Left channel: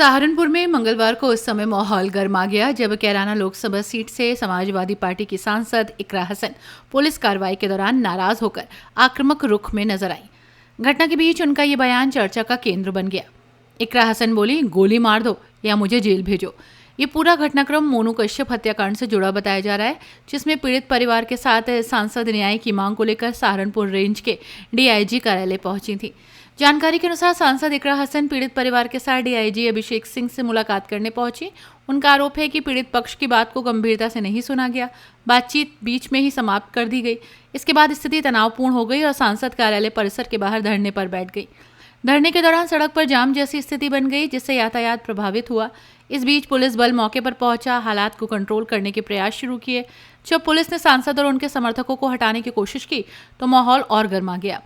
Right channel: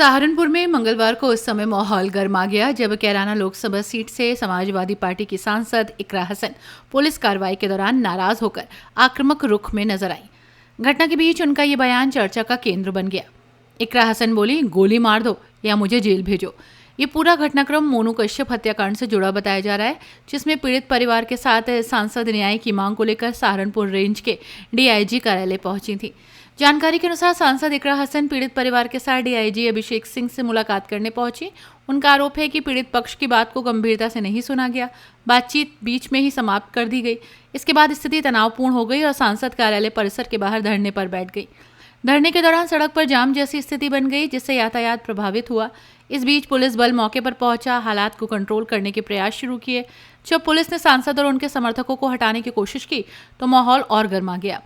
सहारनपुर में मंगलवार को उस समय माहौल गर्मा गया जब कैराना लोकसभा सीट से समाजवादी पार्टी की सांसद इकरा हसन पुलिस कार्रवाई के दौरान नाराज होकर आक्रामक रुख में नजर आई। घटना के बीच उनका ये बयान चर्चा का केंद्र बन गया। इकरा हसन बोली, गोली मार दो या मुझे जेल भेजो। ये पूरा घटनाक्रम मोनू कश्यप हत्याकांड से जुड़ा बताया जा रहा है, जिसमें पीड़ित परिवार के साथ सांसद न्याय की मांग को लेकर सहारनपुर रेंज के डीआईजी कार्यालय पहुंची थी। जानकारी के अनुसार सांसद इकरा हसन पीड़ित परिवार के साथ डीआईजी अभिषेक सिंह से मुलाकात करने पहुंची। उनका आरोप है कि पीड़ित पक्ष की बात को गंभीरता से नहीं सुना गया, बातचीत बीच में ही समाप्त कर दी गई। इसके बाद स्थिति तनावपूर्ण हो गई और सांसद कार्यालय परिसर के बाहर धरने पर बैठ गई। धरने के दौरान सड़क पर जाम जैसी स्थिति बन गई, जिससे यातायात प्रभावित हुआ। इस बीच पुलिस बल मौके पर पहुंचा, हालात को कंट्रोल करने के प्रयास शुरू किए। जब पुलिस ने सांसद और उनके समर्थकों को हटाने की कोशिश की तो माहौल और गर्मा गया।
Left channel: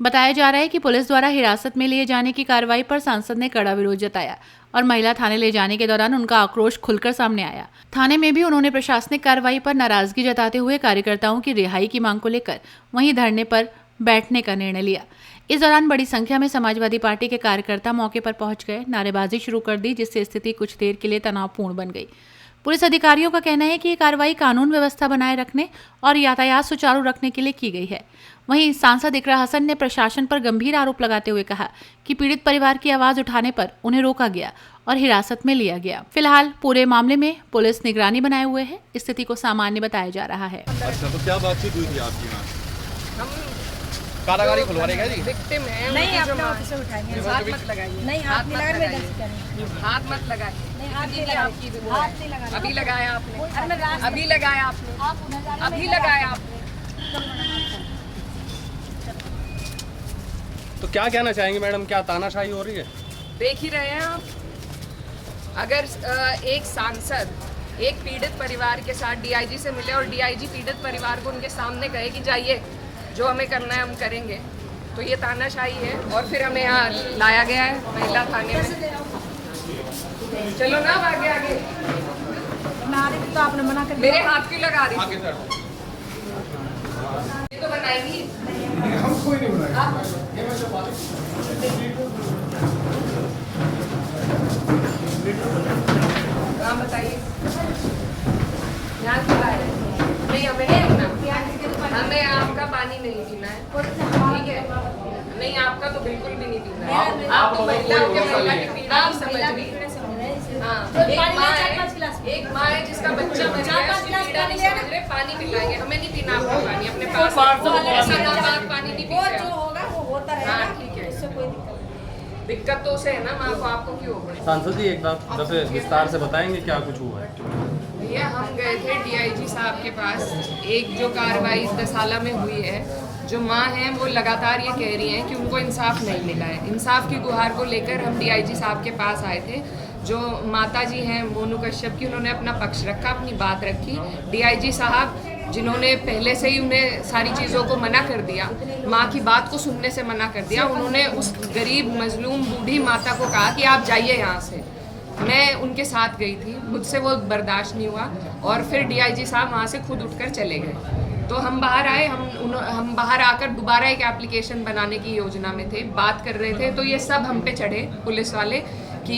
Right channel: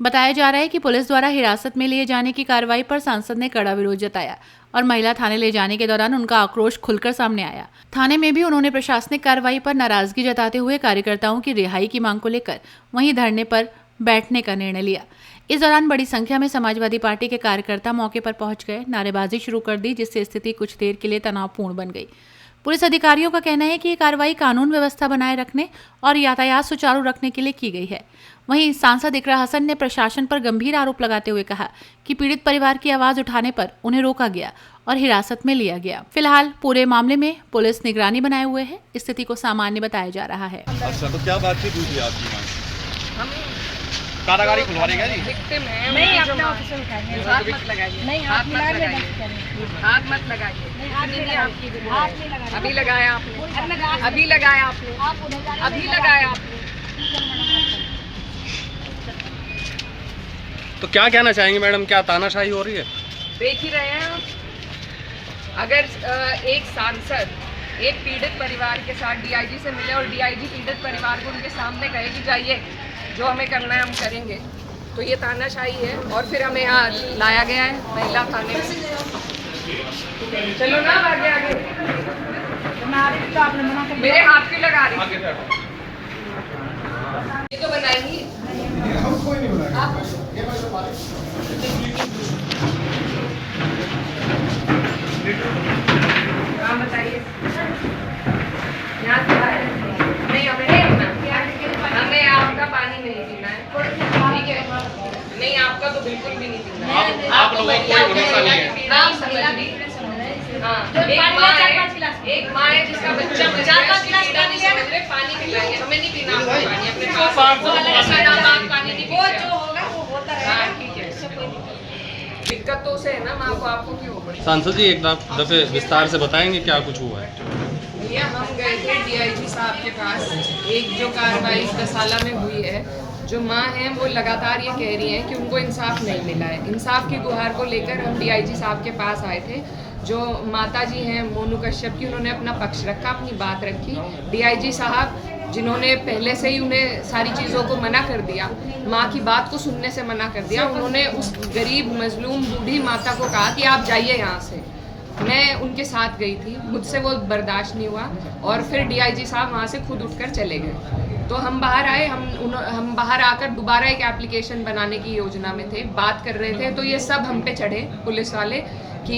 बताया जा रहा है कि पुलिस द्वारा हिरासत में लिए जाने की कार्रवाई पर सांसद ने कड़ा विरोध जताया और महिला थाने ले जाने के दौरान उनका आक्रोश खुलकर सामने आया। थाने में भी उन्होंने प्रशासनिक कार्रवाई पर नाराजगी जताते हुए कार्यकर्ताओं की रिहाई की मांग को लेकर वहीं धरने पर बैठने का निर्णय लिया। इस दौरान बड़ी संख्या में समाजवादी पार्टी के कार्यकर्ता मौके पर पहुंच गए, नारेबाजी शुरू कर दी, जिससे स्थिति कुछ देर के लिए तनावपूर्ण बन गई। पुलिस अधिकारियों का कहना है कि ये कार्रवाई कानून व्यवस्था बनाए रखने और यातायात सुचारू रखने के लिए की गई है। वहीं सांसद इकरा हसन ने प्रशासन पर गंभीर आरोप लगाते हुए कहा कि पीड़ित परिवार की आवाज उठाने पर उन्हें रोका गया और हिरासत में लिया गया। फिलहाल पूरे मामले में पुलिस निगरानी बनाए हुए है। स्थिति को सामान्य बताया जा रहा है। अच्छा, तो क्या बातचीत हुई थी आपकी? हम कारागारी खुलवा देगा जी? विक्टिम हैं, नहीं, उनकी जो अपना माँ- ऑफिसर उठाइए। हाथ मत लगाइए, नहीं, हाथ मिला के गलती करें। हाथ मत लगाइए। नहीं, हाथ नहीं लगा, हाथ नहीं लगा। अभी लगाया आपने, अरे अभी लगाया आपने, आप उधर जा रहे हो, अभी लगाया आपने। तो क्या कहना चाहेंगे मैडम, क्या तानाशाही हो रही है? देख ही रहे हैं आप। अगर एक सांसद एक पीड़ित परिवार के साथ डीआईजी से मिले और डीआईजी पीड़ित परिवार को उनके सामने कहे कि जाइए, जो हमें करना है हम करेंगे, तो ये तानाशाही है। और फिर हमें यहाँ लाया गया है महिला थाने में। चलो ना आगे आगे। तो आपने मना कर मेरे हाथ क्यों लगा रही? ये तो बनाएंगी। हाँ बताइए। यहाँ क्या है? नहीं हमें आपका पानी नहीं पीना है, ठीक है? नहीं आपका तो बिल्कुल भी नहीं पीना है। आप लोगों को कोई भरोसा नहीं है। नहीं समझ रही। हाँ, एक माँ है जिसका बच्चा बचा है, पीड़ा नहीं समझ रहे, पानी पिलाएंगे। हमें नहीं पीना आपका पानी, अपने पास ऐसा नाम पानी नहीं पीते। हाँ ठीक है, दिक्कत तो उसे है ना, माँ को, आपको क्यों हो? सांसद जी एक दफे विस्तार से बताएंगे क्या कुछ हुआ है? भैया हम गए थे डीआईजी साहब के पास। एक जो कार्रवाई दसाला में हुई है, जो माँ हैं वो लगातार ये कह रही हैं कि उनको इंसाफ नहीं मिला है। इंसाफ की गुहार को लेकर हम डीआईजी साहब के पास आए थे। जो माता जी हैं मोनू कश्यप की, उन्होंने अपना पक्ष रखा, अपनी बात रखी। डीआईजी साहब जिन्होंने पहले से ही उन्हें सारी चीज़ों को मना कर दिया, माँ की बात को सुनने से मना कर दिया, उन्होंने उस गरीब मजलूम बूढ़ी माता को कहा कि आप जाइए यहाँ से। मैं उनके साथ गई थी, मुझसे वो बर्दाश्त नहीं हुआ और फिर डीआईजी साहब वहाँ से खुद उठकर चले गए। तो हम बाहर आए, हम बाहर आकर दोबारा एक एप्लीकेशन बनाने की योजना में थे, बात कर रहे थे। तो ये सब हम पे चढ़े पुलिस वाले कि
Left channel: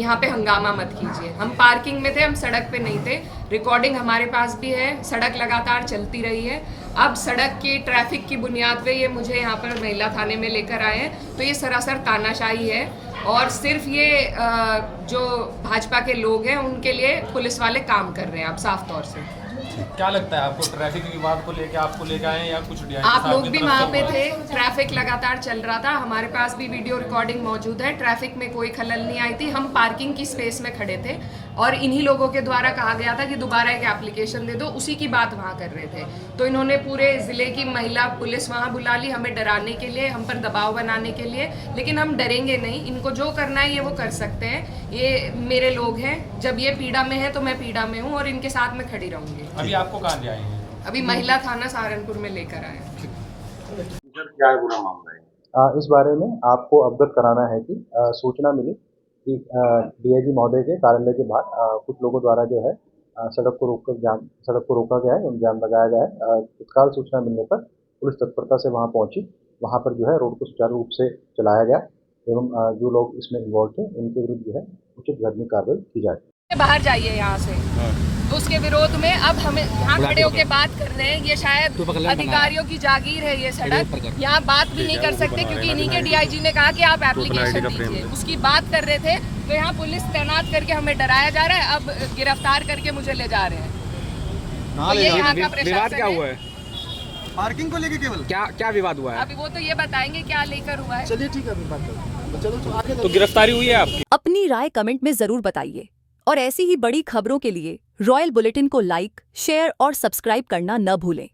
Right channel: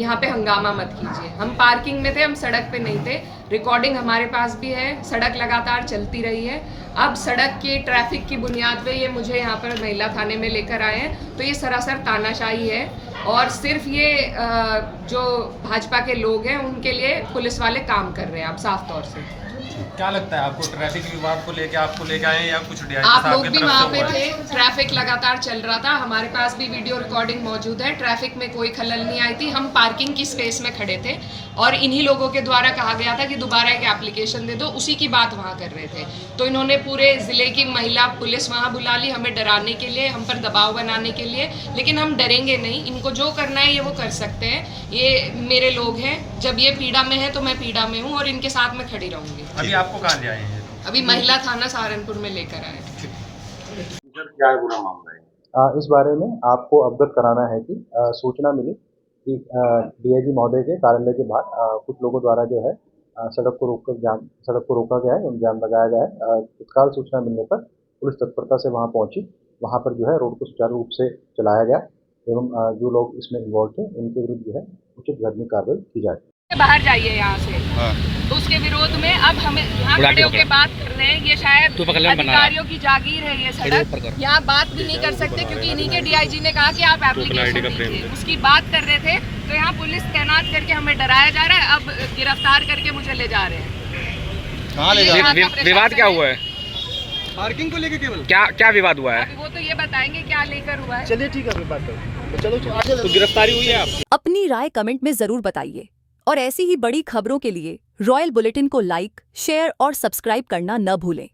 यहाँ पे हंगामा मत कीजिए। हम पार्किंग में थे, हम सड़क पे नहीं थे। रिकॉर्डिंग हमारे पास भी है, सड़क लगातार चलती रही है। अब सड़क के ट्रैफिक की बुनियाद पे ये मुझे यहाँ पर महिला थाने में लेकर आए हैं, तो ये सरासर तानाशाही है। और सिर्फ ये जो भाजपा के लोग हैं उनके लिए पुलिस वाले काम कर रहे हैं, अब साफ तौर से। क्या लगता है आपको, ट्रैफिक विवाद को लेके आपको लेके आए या कुछ आप लोग भी वहाँ पे थे, ट्रैफिक लगातार चल रहा था, हमारे पास भी वीडियो रिकॉर्डिंग मौजूद है। ट्रैफिक में कोई खलल नहीं आई थी, हम पार्किंग की स्पेस में खड़े थे और इन्हीं लोगों के द्वारा कहा गया था कि दोबारा एक एप्लीकेशन दे दो, उसी की बात वहाँ कर रहे थे। तो इन्होंने पूरे ज़िले की महिला पुलिस वहाँ बुला ली, हमें डराने के लिए, हम पर दबाव बनाने के लिए। लेकिन हम डरेंगे नहीं, इनको जो करना है ये वो कर सकते हैं। ये मेरे लोग हैं, जब ये पीड़ा में है तो मैं पीड़ा में हूँ और इनके साथ मैं खड़ी रहूँगी। अभी आपको कहाँ ले आए हैं? अभी महिला थाना सहारनपुर में लेकर आए। क्या है पूरा मामला है? इस बारे में आपको अवगत कराना है कि सूचना मिली कि डीआईजी महोदय के कार्यालय के बाहर कुछ लोगों द्वारा जो है सड़क को रोका गया है, जाम लगाया गया है। तत्काल सूचना मिलने पर पुलिस तत्परता से वहां पहुंची। वहां पर जो है रोड को सुचारू रूप से चलाया गया एवं जो लोग इसमें इन्वॉल्व थे उनके विरुद्ध जो है उचित कानूनी कार्रवाई की जाए। बाहर जाइए यहाँ से। तो उसके विरोध में अब हमें यहाँ खड़े होकर बात कर रहे हैं। ये शायद अधिकारियों की जागीर है ये सड़क, यहाँ बात भी नहीं कर सकते क्योंकि इन्हीं के डीआईजी ने कहा कि आप एप्लीकेशन दीजिए। उसकी बात कर रहे थे तो यहाँ पुलिस तैनात करके हमें डराया जा रहा है, अब गिरफ्तार करके मुझे ले जा रहे हैं। विवाद क्या हुआ है? पार्किंग को लेकर केवल क्या विवाद हुआ है? अभी वो तो ये बताएंगे क्या लेकर हुआ है। चलिए ठीक है, अभी बात करें। चलो तो गिरफ्तारी हुई है आपकी? अपनी राय कमेंट में जरूर बताइए और ऐसी ही बड़ी खबरों के लिए रॉयल बुलेटिन को लाइक, शेयर और सब्सक्राइब करना न भूलें।